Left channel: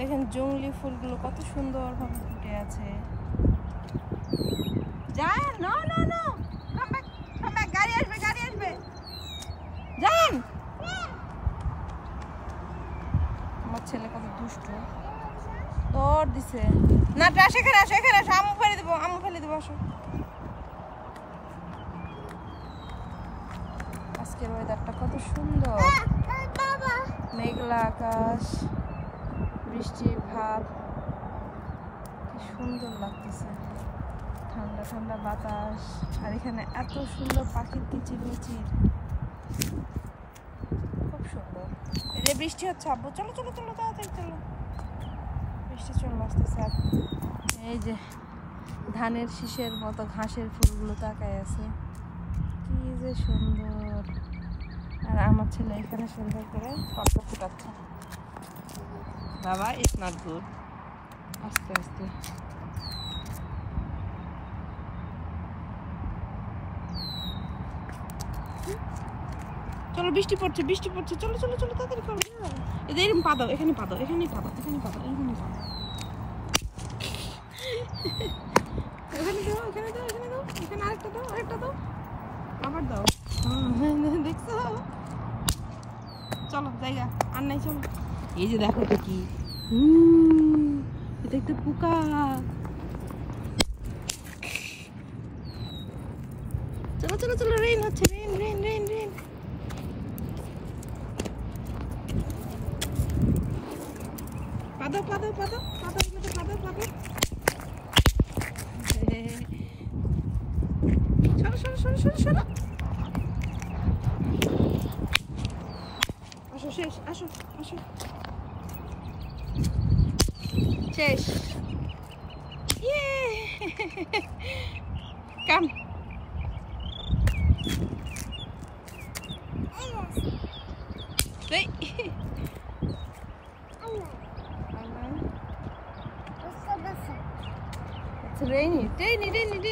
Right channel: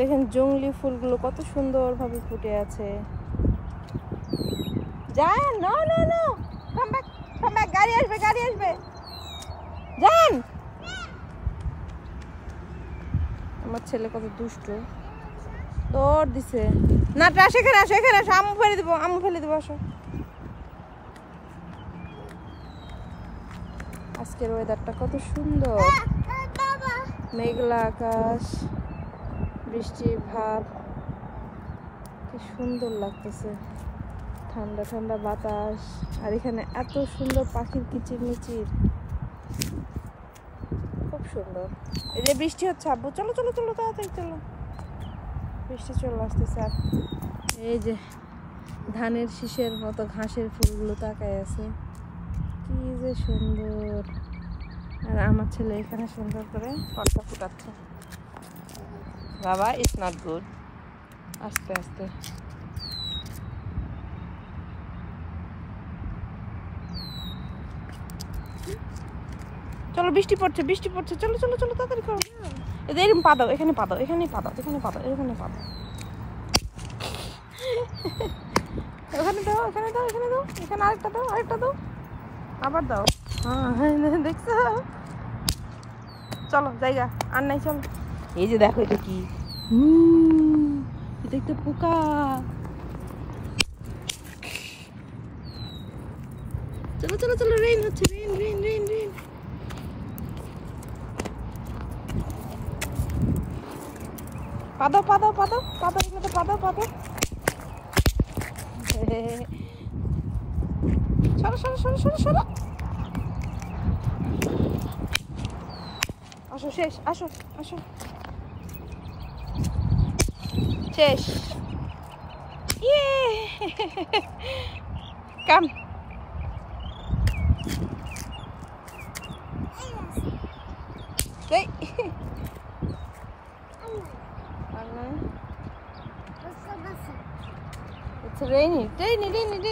দেখেন জংলি ফুলগুলো কত সুন্দরভাবে ফুটে আছে। যান, no no no, come back, গাড়ি আসবে, গাড়ি আসবে, যান। আমার ছেলে কত দুষ্টু, দৌড় দিছে। না ট্রাশ, এখানে আসো, এখানে আসো, আম্মু ফেলে দেবো, আম্মু ফেলে দেবো, আসো। আজকের ওয়েদারটা কত সুন্দর, মেঘলা আকাশ, বৃষ্টির ভাব, কি সুন্দর লাগতেছে, ঠান্ডা ঠান্ডা বাতাস, আর এখানে এত সুন্দর পাখির কিচিরমিচির, খুব সুন্দর। এই যে বৃষ্টি হচ্ছে, আব্বু চলো চলো চলো, তাড়াতাড়ি চলো, বৃষ্টি চলে আসতেছে। এই যে ধানের শীষের মতো ঘাসের ফুলগুলো তাকায় আছে, কি যে সুন্দর। আর আমার ছেলে এখানে সুন্দর করে অল্প ফুটাচ্ছে। বাবা, ইটস নট গুড, আস্তে আস্তে। চলো, বৃষ্টি পড়ছে, বৃষ্টি পড়ছে, চলো চলো চলো, তাড়াতাড়ি করো। এরকম পাদাও, এখানে পাদাও, এখানে পাদাও, এখানে পাদাও, এখানে পাদাও, এখানে দাও, এখানে দাও, এখানে দাও, এখানে আরেকটা দাও, আরেকটা দাও, আবার দাও। হ্যাঁ, দেখছো? চলো জায়গা আর নাই, চলো। এই যে দেখো, এটা কি, এটা একটা পোকা। চলো চলো চলো, রেইন হচ্ছে, রেইন রেইন রেইন রেইন। পাদাও পাদাও পাদাও পাদাও, এগুলো পাদাও পাদাও। সরো সরো সরো সরো সরো, আসো, শেষ, আসো আসো, শেষ। ইয়ে, কাম। It's rainy, rainy, rainy, rainy.